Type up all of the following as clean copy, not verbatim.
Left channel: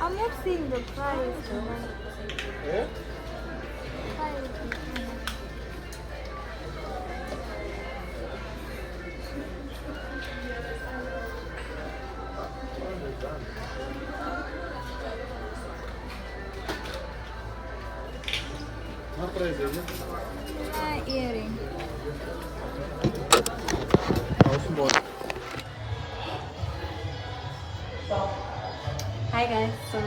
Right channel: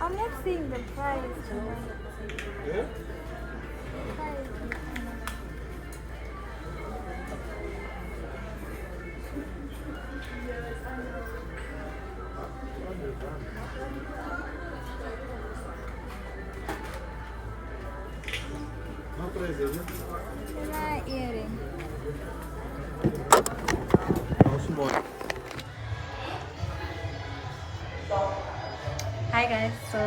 I'm not seeing the price. Yeah? How price is it? Earring. How small? Hi guys, so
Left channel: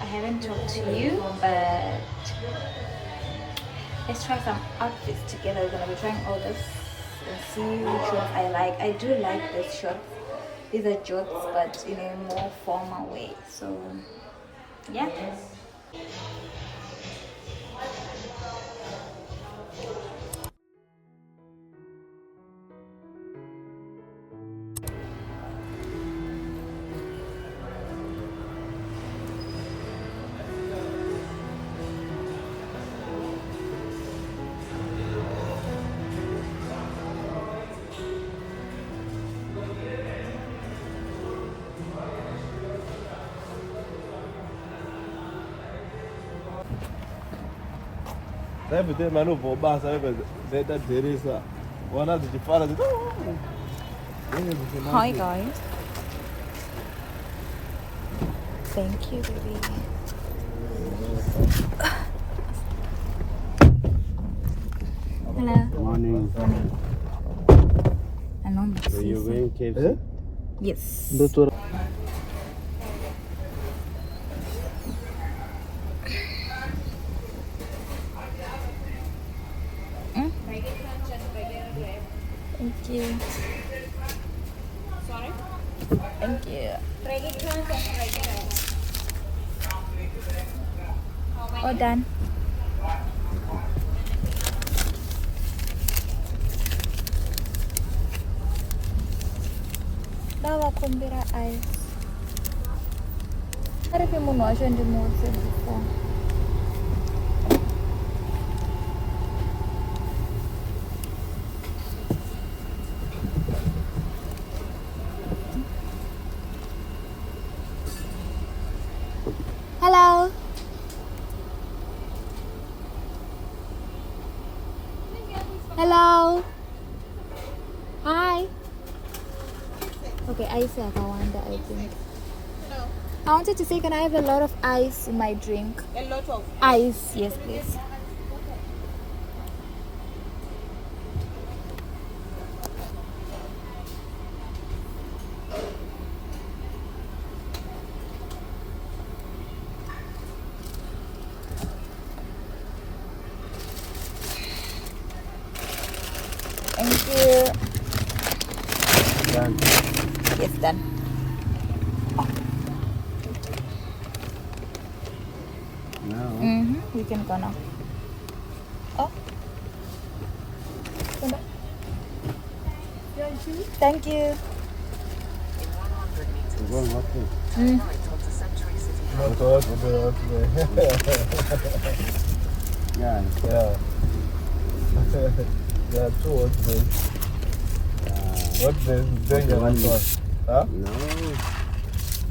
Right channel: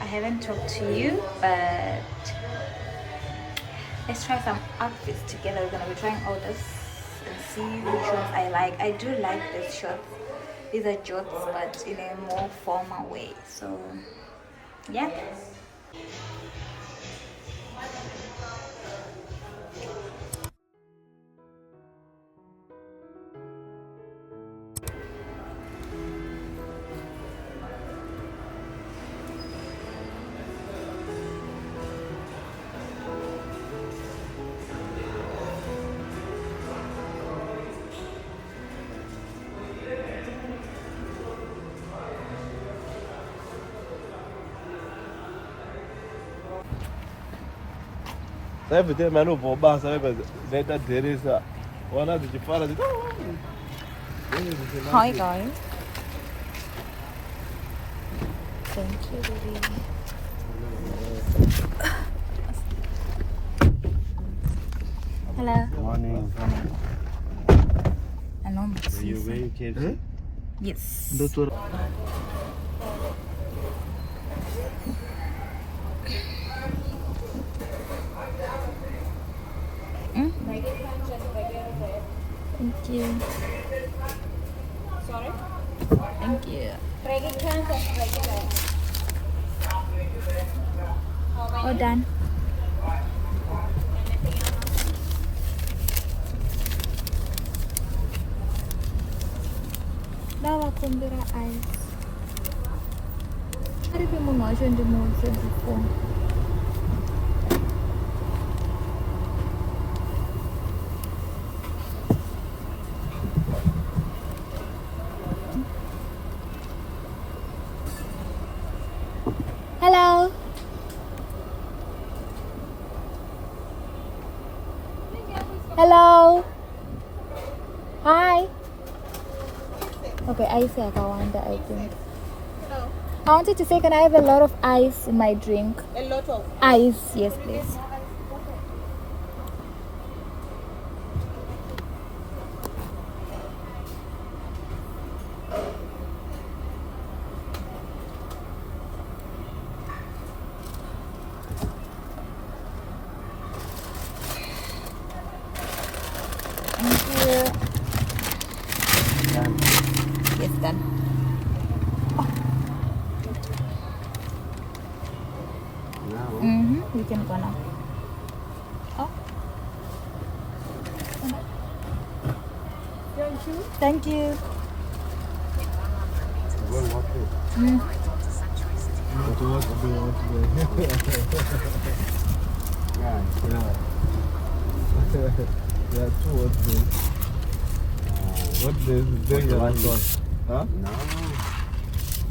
I haven't talked to you, but let's try some outfits together. We're gonna be trying all this and see which ones I like. I do like these shorts. These are jorts, but in a more formal way. So yeah. Everything man who boss that there is one of the father. Hi guys. Thank you, baby. Hello. Morning. Morning. Hello, Are you going KFC? Yes. Thank you. Sorry? Thank you. All done. Dawa kumbira ice. Aripi munhu wacho ndimuudze before. Hello. Hello. Hi. Okay, ice Akawanda, I think. No, I wanted to say, can I have a lot of ice in my drink? a lot of. Ice, yes, please. Thank you. Yes, done. Now? We can go now. Oh. Thank you. Go market. Yeah. Yeah. Yeah, two what days. What days? Then you One answer. Huh? No.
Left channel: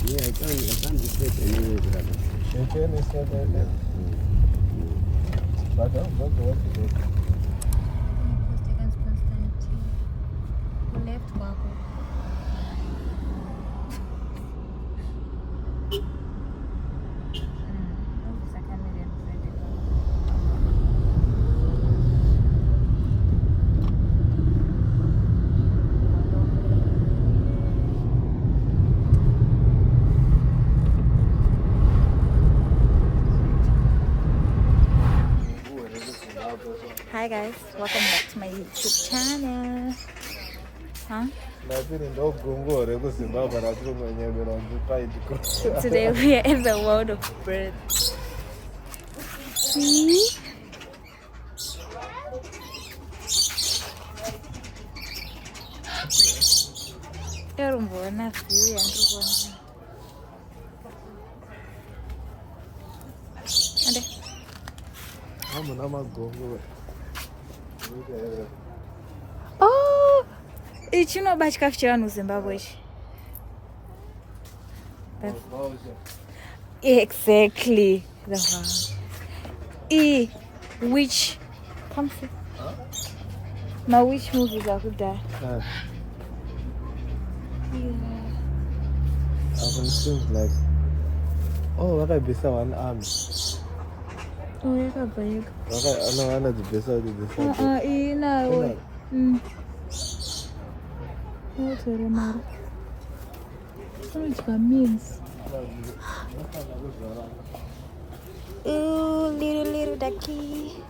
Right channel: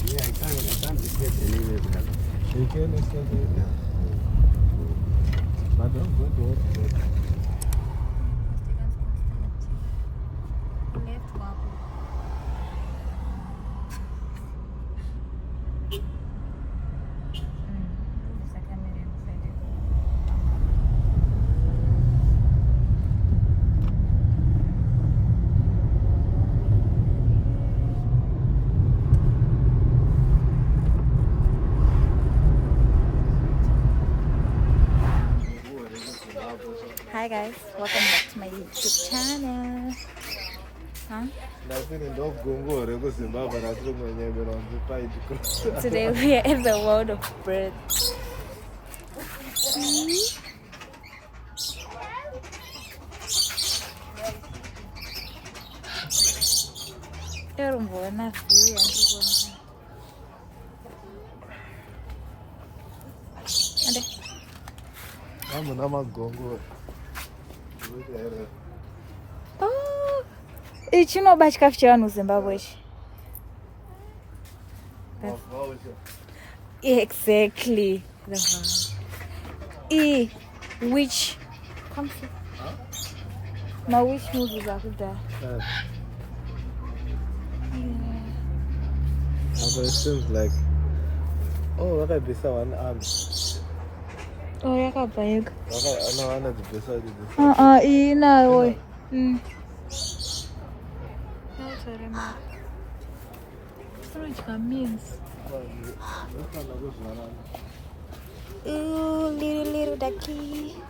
Yeah, I can't escape anyway, brother. You can is not like that. But don't go to what today. Left bubble. Hi guys, welcome back to my YouTube channel. Huh? Today we are in the world of birds. See? Erumbona view yandrubona. Ande. Oh, ichi no chikafu chevanhu muZimbabwe ichi. Exactly. The one. Which come see. Now which movies are good there? Yeah. It seems like what I be one arm. Oh, yakabhayeka. Ana dzibvesa Inawo. Yautora mari. Unodya means. Ooh, little ducky.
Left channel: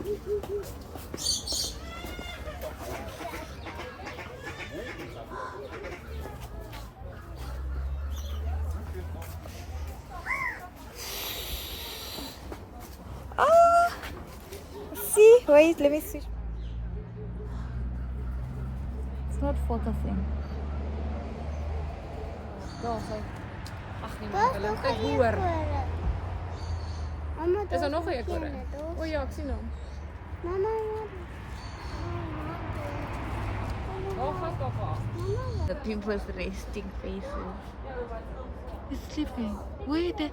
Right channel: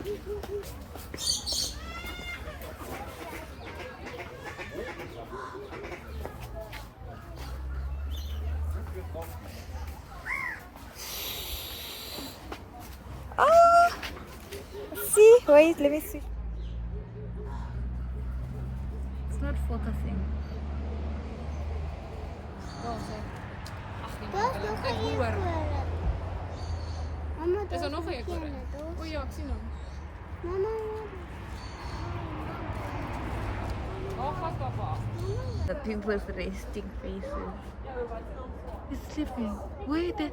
Oh, see, wait, let me see. It's not focusing. Er is nog een koren. Oh ja, ik zie hem. Mama, Oh, gaat papa. The people's resting faces. He's sleeping. Wait, they're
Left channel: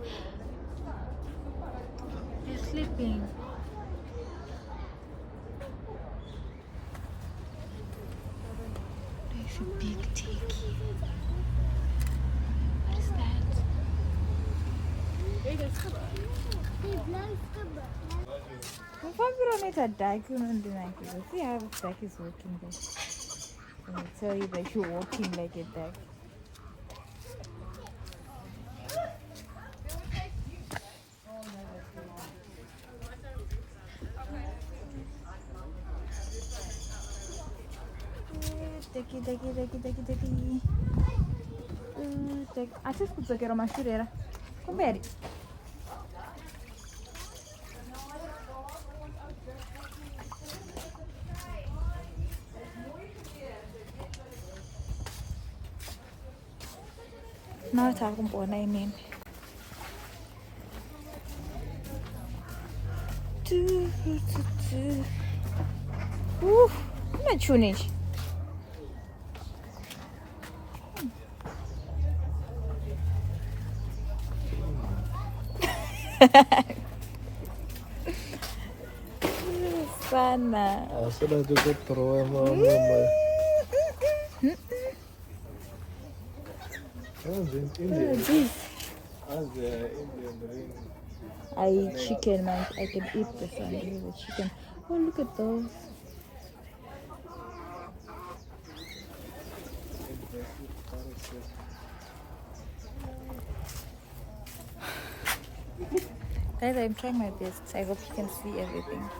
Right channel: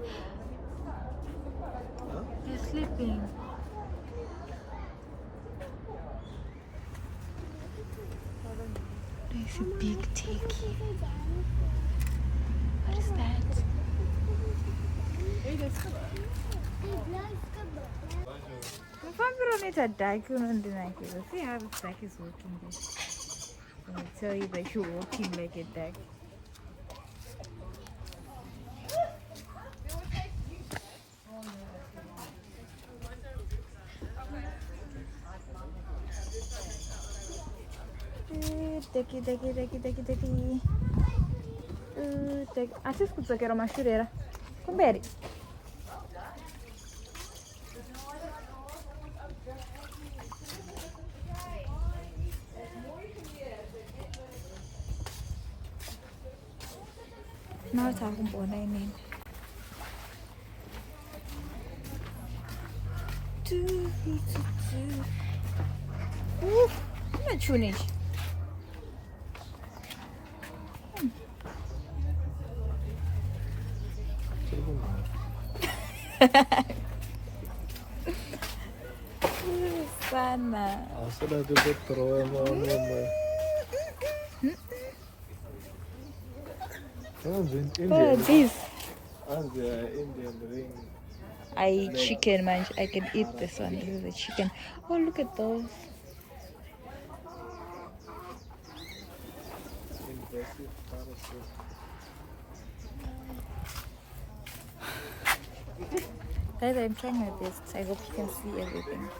sleeping. There's a big turkey. What is that? If I'm gonna need a duck, you know, see how the duck is walking there. I tell you that you're walking like a duck. Ducky. Acho que era uma chureira. Kumberi. Now it's talking about name. How much finish? Sana. Oh, this. I eat chicken, man. I can eat this one. This is a chicken. Oh, look at those. Guys, I'm trying my best. I hope you can see everything.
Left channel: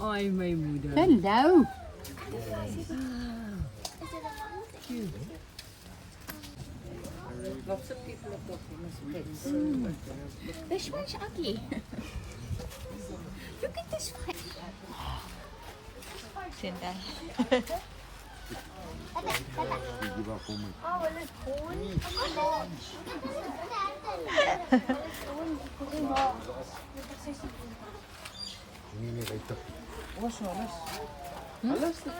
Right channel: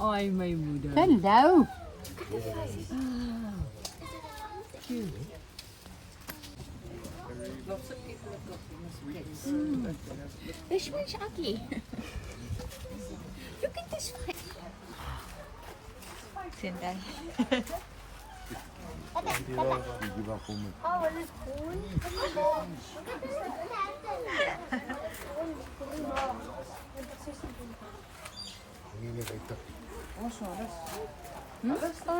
Ai, my moeder. Hello. This one's ugly. Look at this one. Sendai. Oh,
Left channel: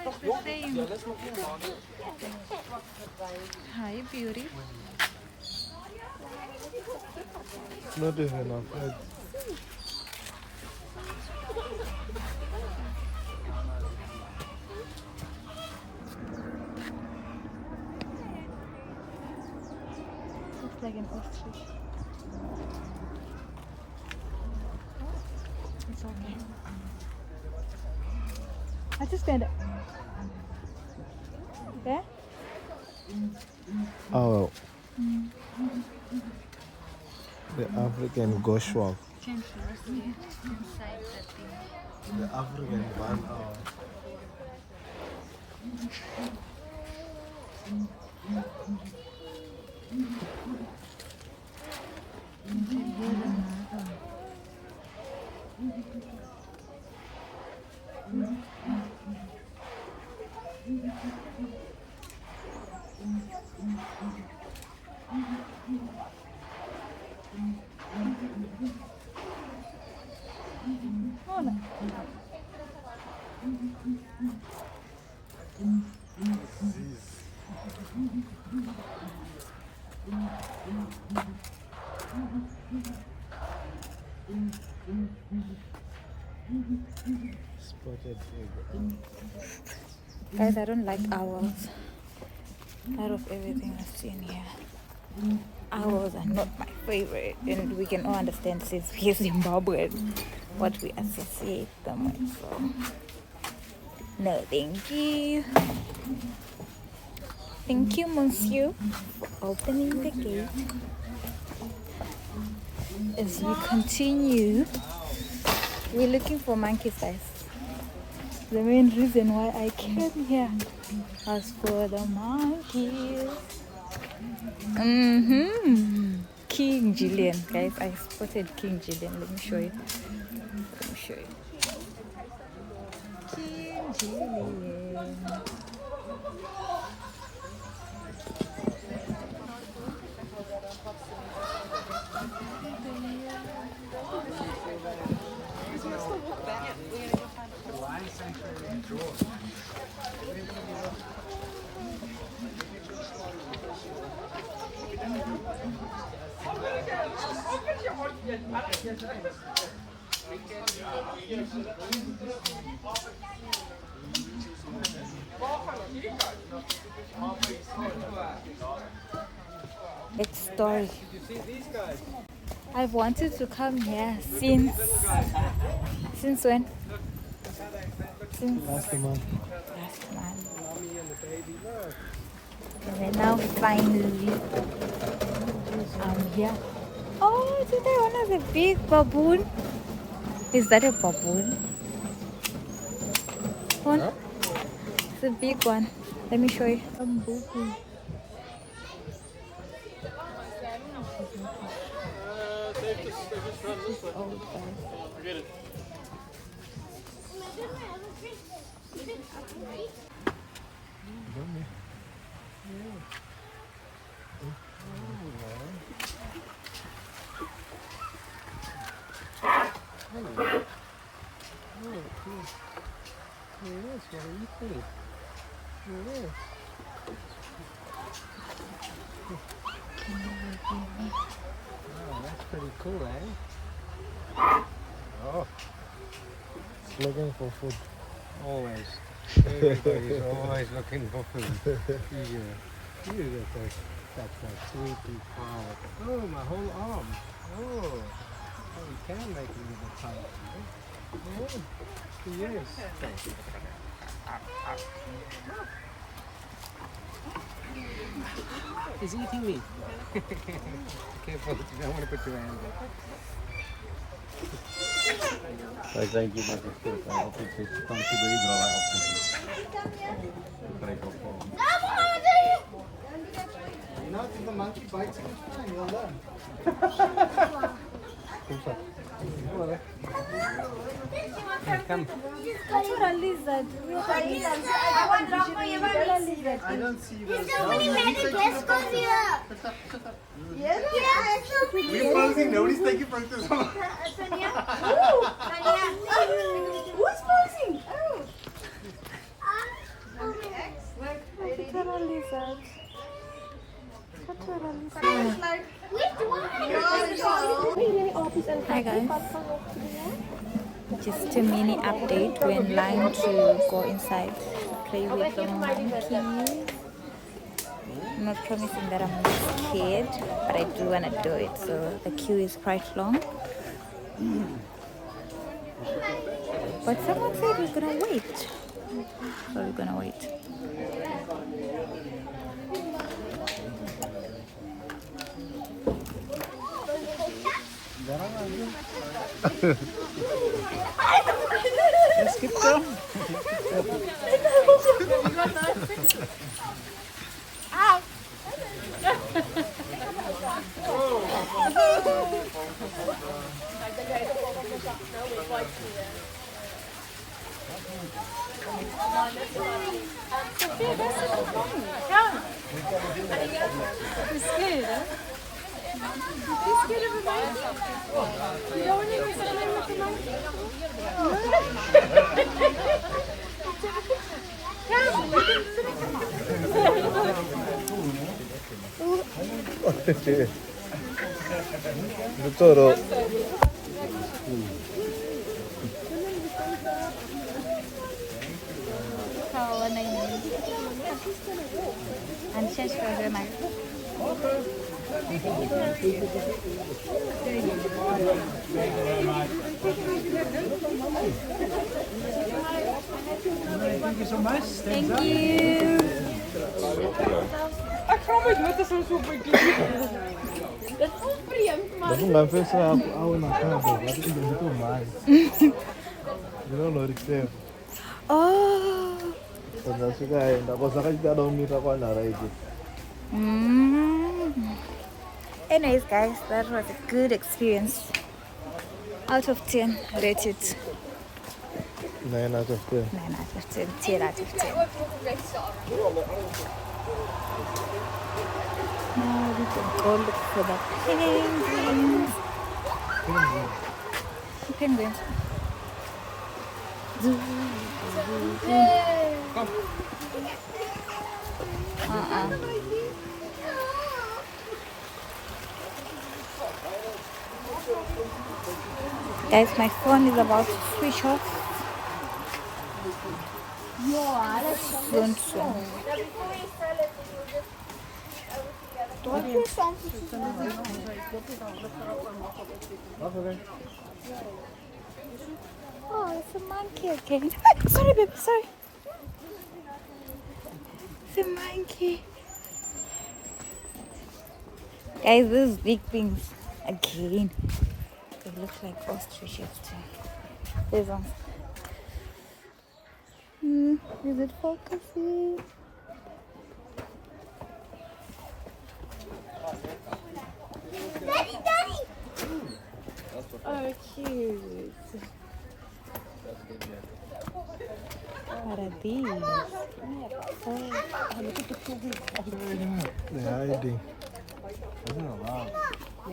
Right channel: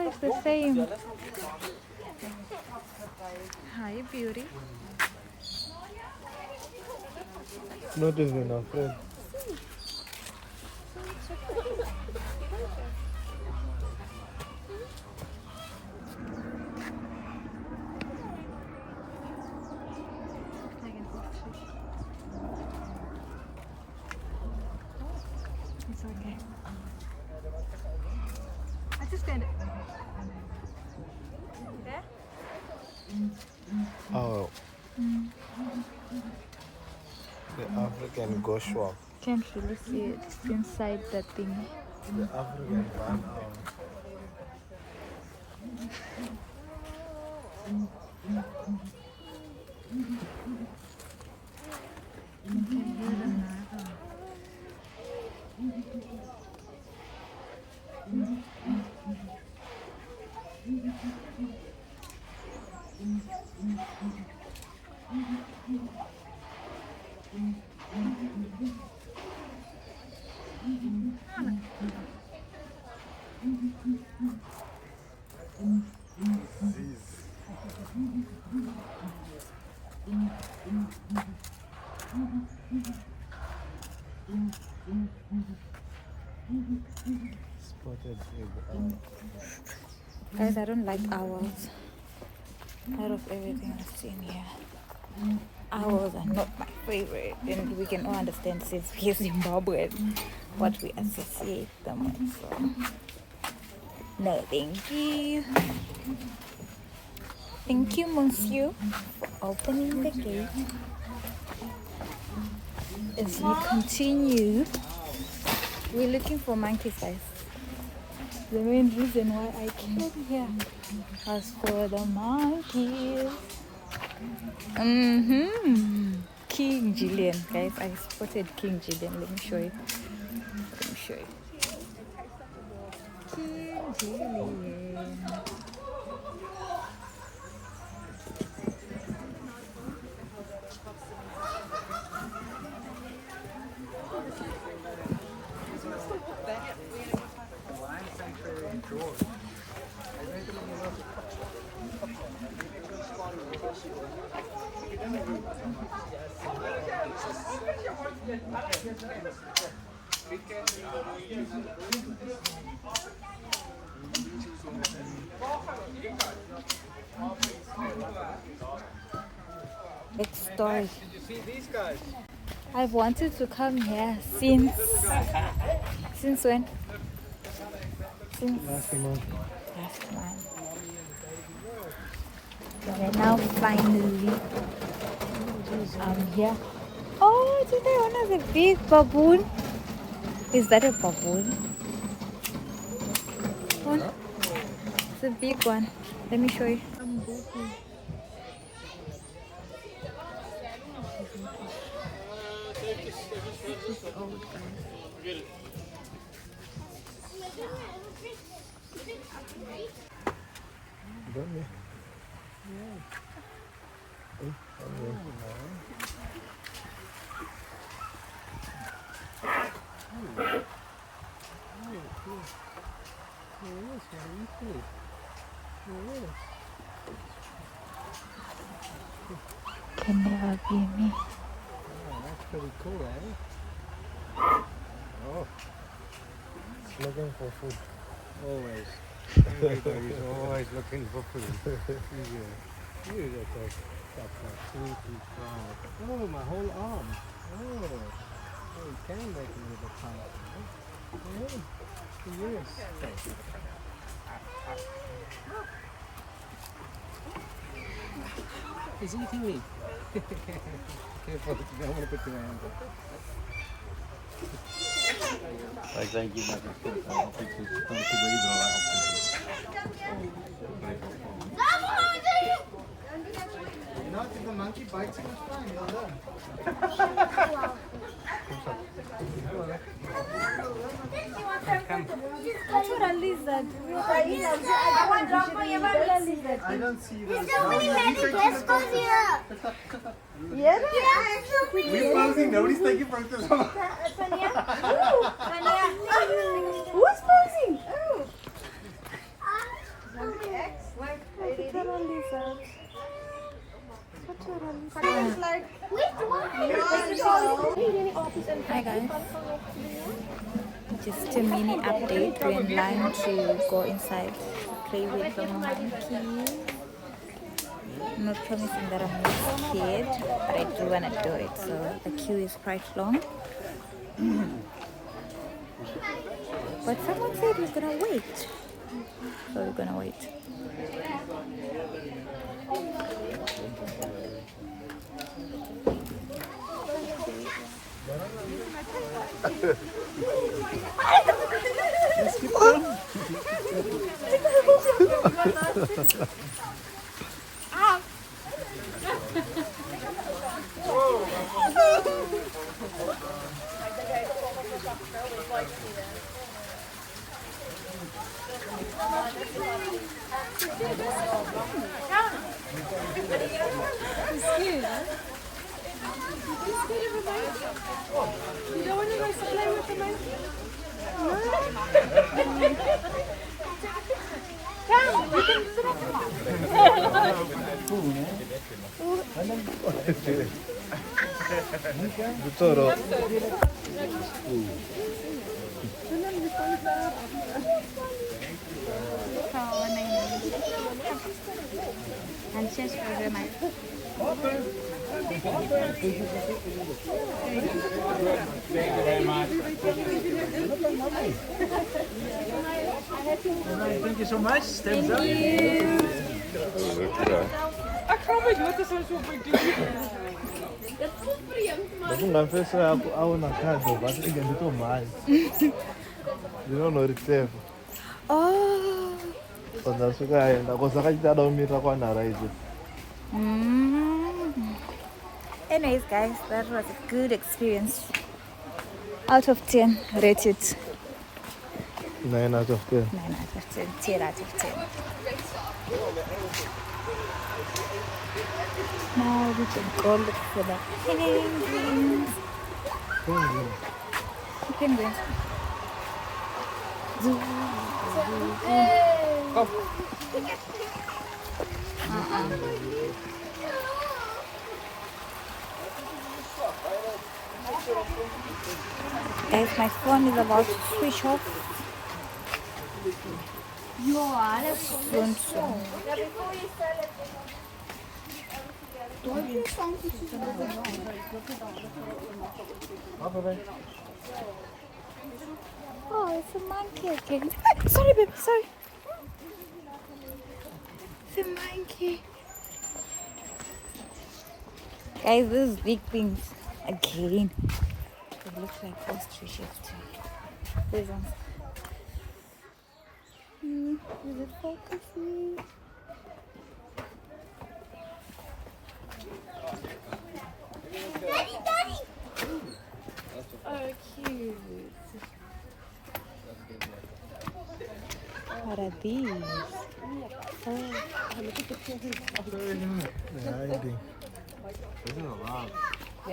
it's the same. Hi, beauty. Not even a friend. Looks like an ostrich. okay. I just stand up. Yeah? Oh. The African goshawk. Can't really see it inside that thing. The African 1 hour. Spotted eagle. Guys, I don't like owls. Out of everything I've seen here, owls are not my favorite, and we can all understand since we're Zimbabwean what we associate them with. So, no, thank you. Thank you, Monsieur, for opening the gate. As we continue, we're looking for monkey size. The main reason why I came here was for the monkeys. King Julian, guys, I spotted King Julian. Let me show you. King Julian. Next story. I've wanted to come here since when? Since Last month. last month. And then now finally I'm here. Oh, today one of the big baboon. Is that a baboon? One? It's a big one. Let me show you. This is old, guys. Can never be me. Oh, that's pretty cool, eh? Oh, Looking for food. always. Everybody's always looking for food. You look like that sweet and proud. Oh, my whole arm. Oh, you can make a little pile. Oh, yes. He's eating me. Careful, you don't want to put your hand there. Mas aí de uma vez que ele está estão segurando lá. You know, if the monkey bites you, it's fine. You'll learn. That's what a lizard. I don't see you. There's so many magic glasses here. Yes? Yeah, so many. Nobody's taking photos. Tanya? Who's posing? What a lizard. Hi guys, just a mini update. We're in line to go inside, play with the monkeys. I'm not promising that I'm not scared, but I do want to do it, so the queue is quite long. But someone said we're gonna wait. So we're gonna wait. Let's keep going. You're scared, huh? You're scared of a monkey? You don't want to go to play with the monkey? Victoria. How are you? And change for her mic. Thank you so much. Thank you. Mas não fez a uma casa, vai ter que ganhar mais. You know the safe. Oh. Quando eu chegar ainda, você vai dar um mito com a raíz. Anyways, guys, that was a good experience. Out of 10, rate it 9 out of 10. 9 out of 10, 10 out of 10. Now we can go look for the penguins. Penguins. Zoo. Guys, my phone is about to switch off. Soon, soon. Oh, it's a monkey again. Sorry, baby, sorry. It's a monkey. Guys, these big things again. They look like ostriches too. These ones. Is it focusing? Daddy, Daddy. Oh, cute. What are these? Oh, They're hiding. The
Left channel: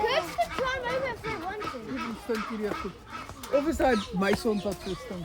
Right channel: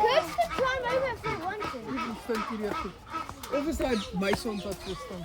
kids could climb over if they wanted. Overside my son's at this thing.